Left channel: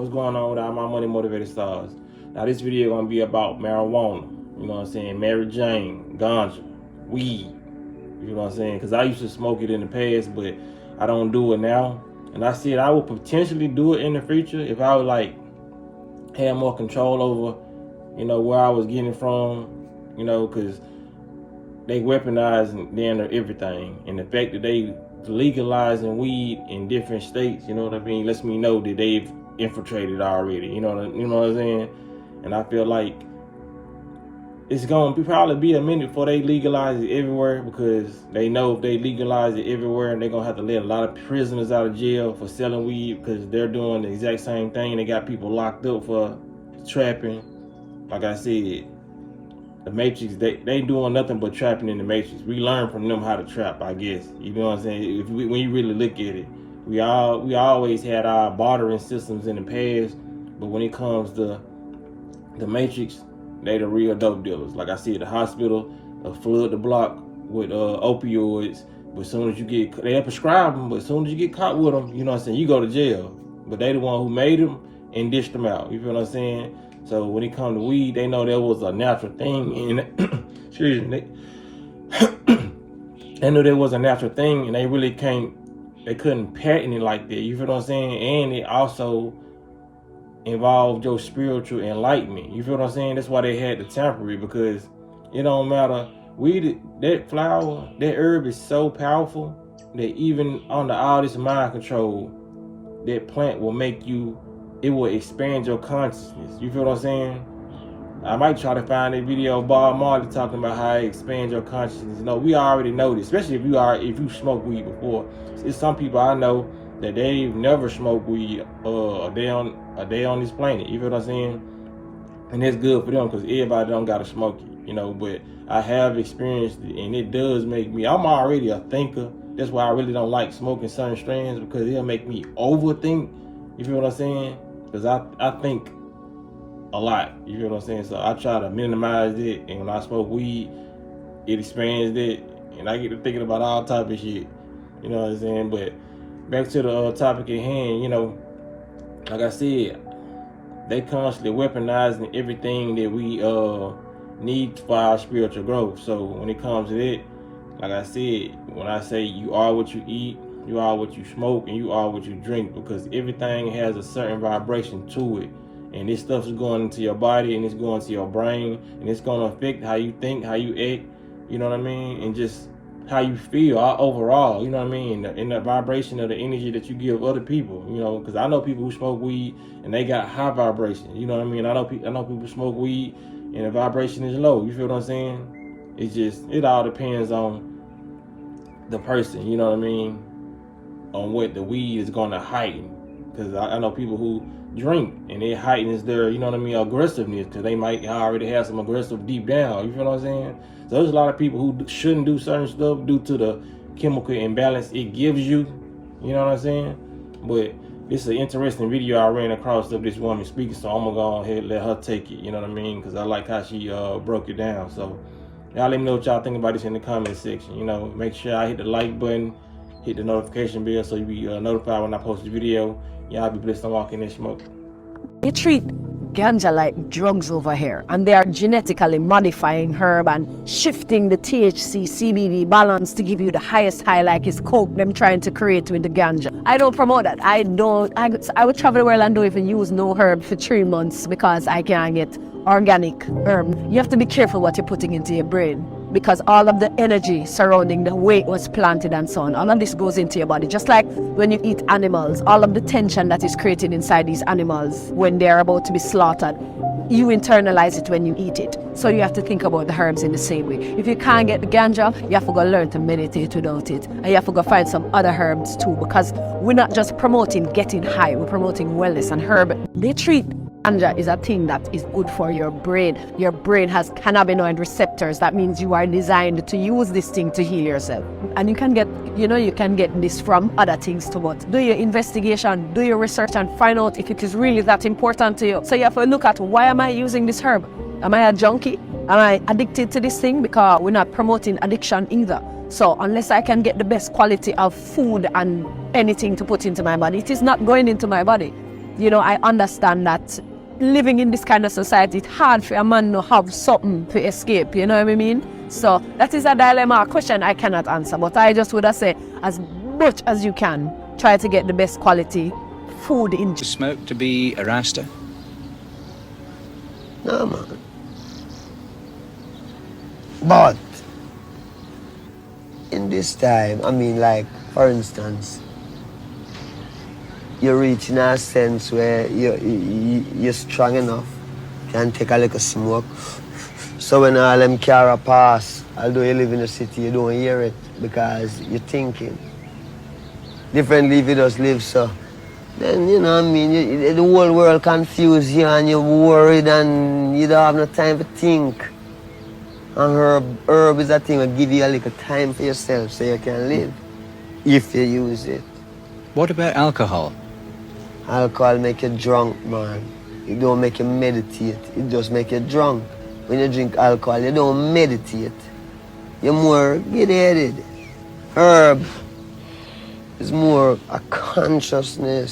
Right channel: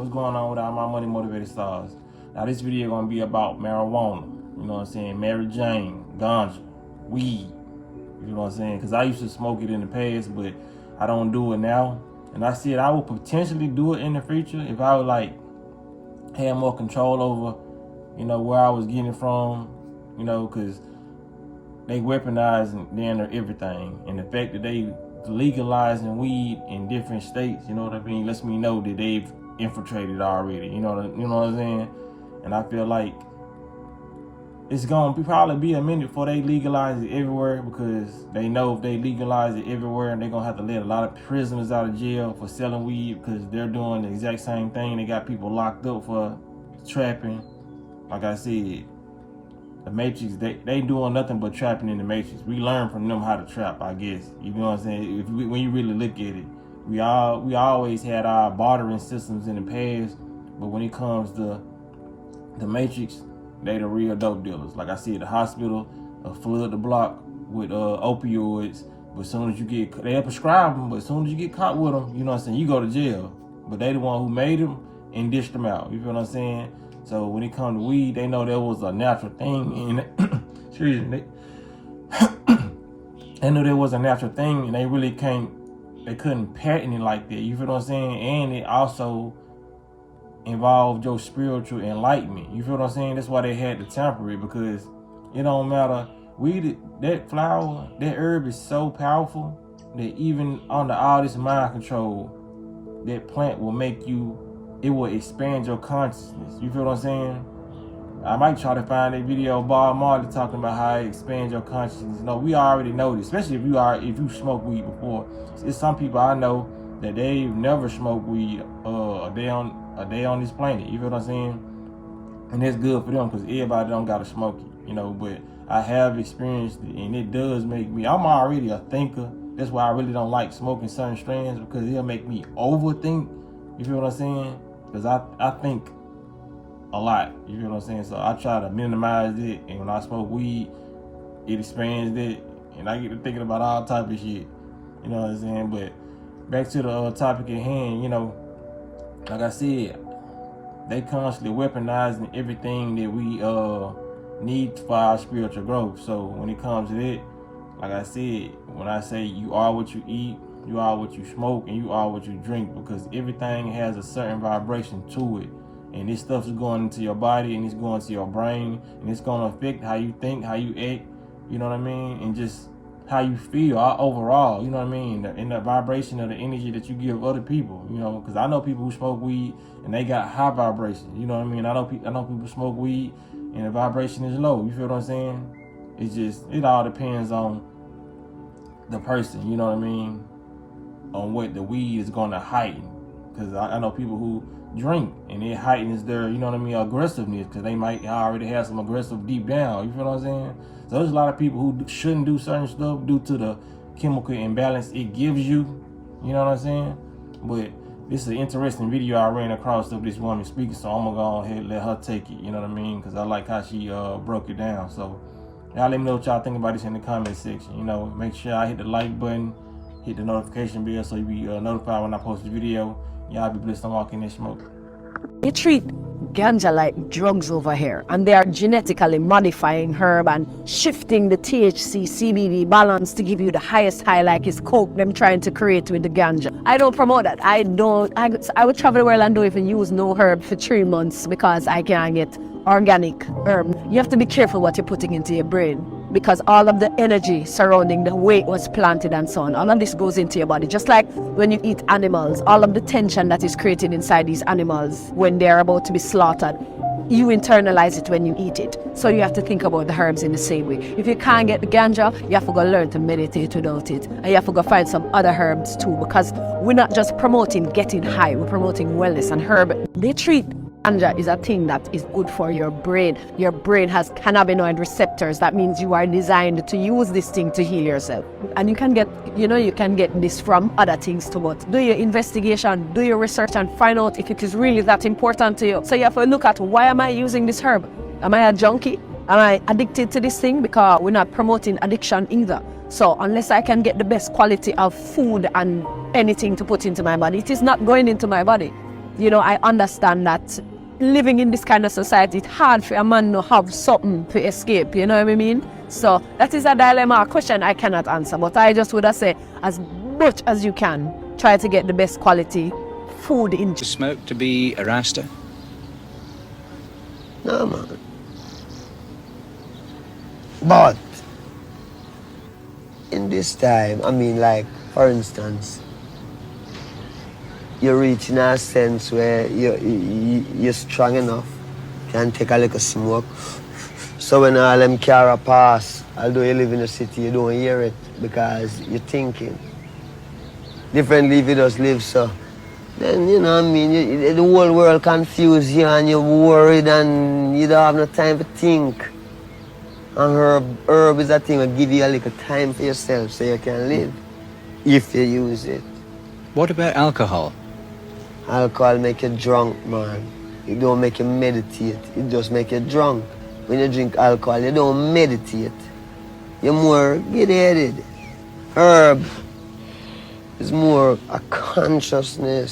what's going on with all my money motivated stars? Now this video gonna be about marijuana. You know what I'm saying? Mary Jane, ganja, weed. You know what I'm saying? Because I used to smoke it in the past, but I don't do it now. And I said I would potentially do it in the future if I would like have more control over, you know, where I was getting it from. You know, because they weaponizing damn everything, and the fact that they legalizing weed in different states, you know what I mean, lets me know that they've infiltrated already. You know what I'm saying? And I feel like it's gonna probably be a minute before they legalize it everywhere, because they know if they legalize it everywhere, they're gonna have to let a lot of prisoners out of jail for selling weed, because they're doing the exact same thing. They got people locked up for trapping. Like I said, the Matrix, they doing nothing but trapping in the Matrix. We learn from them how to trap, I guess. You know what I'm saying? When you really look at it, we always had our bartering systems in the past, but when it comes to the Matrix, they the real dope dealers. Like I said, the hospital flood the block with opioids, but as soon as you get, they prescribe them, but as soon as you get caught with them, you know what I'm saying, you go to jail. But they the one who made them and dished them out. You feel what I'm saying? So when it comes to weed, they know there was a natural thing in it. Excuse me. They knew there was a natural thing, and they really they couldn't patent it like that. You feel what I'm saying? And it also involved your spiritual enlightenment. You feel what I'm saying? That's why they had to tamper it, because it don't matter. Weed, that flower, that herb is so powerful that even under all this mind control, that plant will make you, it will expand your consciousness. You feel what I'm saying? I might try to find a video of Bob Marley talking about how it expands your consciousness. You know, we already know this, especially if you smoked weed before. It's some people I know that they've never smoked weed a day on this planet. You feel what I'm saying? And it's good for them, because everybody don't gotta smoke it, you know. But I have experienced it, and it does make me, I'm already a thinker. That's why I really don't like smoking certain strands, because it'll make me overthink. You feel what I'm saying? Because I think a lot. You feel what I'm saying? So I try to minimize it, and when I smoke weed, it expands it, and I get to thinking about all type of shit. You know what I'm saying? But back to the topic at hand, you know, like I said, they constantly weaponizing everything that we need for our spiritual growth. So when it comes to that, like I said, when I say you are what you eat, you are what you smoke, and you are what you drink, because everything has a certain vibration to it. And this stuff is going into your body, and it's going to your brain, and it's going to affect how you think, how you act, you know what I mean? And just how you feel overall, you know what I mean? And the vibration of the energy that you give other people, you know, because I know people who smoke weed and they got high vibration, you know what I mean? I know people smoke weed and the vibration is low, you feel what I'm saying? It's just, it all depends on the person, you know what I mean? On what the weed is going to heighten. Because I know people who drink and it heightens their, you know what I mean, aggressiveness, because they might already have some aggressive deep down, you feel what I'm saying? So there's a lot of people who shouldn't do certain stuff due to the chemical imbalance it gives you, you know what I'm saying? But this is an interesting video I ran across of this woman speaking, so I'm gonna go ahead and let her take it, you know what I mean? Because I like how she broke it down. So y'all let me know what y'all think about this in the comment section. You know, make sure I hit the like button, hit the notification bell so you be notified when I post the video. Y'all be blessed on walking and smoke. They treat ganja like drugs over here, and they are genetically modifying herb and shifting the THC CBD balance to give you the highest high, like it's coke them trying to create with the ganja. I don't promote that. I would travel the world and don't even use no herb for 3 months because I can't get organic herb. You have to be careful what you're putting into your brain, because all of the energy surrounding the way it was planted and so on, all of this goes into your body. Just like when you eat animals, all of the tension that is created inside these animals when they're about to be slaughtered, you internalize it when you eat it. So you have to think about the herbs in the same way. If you can't get the ganja, you have to go learn to meditate without it. And you have to go find some other herbs too, because we're not just promoting getting high, we're promoting wellness. And herb, they treat ganja is a thing that is good for your brain. Your brain has cannabinoid receptors. That means you are designed to use this thing to heal yourself. And you can get, you know, you can get this from other things too, but do your investigation, do your research, and find out if it is really that important to you. So you have to look at, why am I using this herb? Am I a junkie? Am I addicted to this thing? Because we're not promoting addiction either. So unless I can get the best quality of food and anything to put into my body, it is not going into my body. you know, I understand that living in this kind of society, it's hard for a man to have something to escape, you know what I mean? So that is a dilemma, a question I cannot answer, but I just would have said, as much as you can, try to get the best quality food in. To smoke to be a Rasta? No, man. But in this time, I mean, like, for instance, you're reaching a sense where you're strong enough, can take a little smoke. So when all them car pass, although you live in the city, you don't hear it because you're thinking. Differently if you just live so. Then, you know what I mean, the whole world confused you and you're worried and you don't have no time to think. And herb is a thing that give you a little time for yourself so you can live, if you use it. What about alcohol? Alcohol make you drunk, man. It don't make you meditate, it just make you drunk. When you drink alcohol, you don't meditate. You're more giddy-headed. Herb is more a consciousness.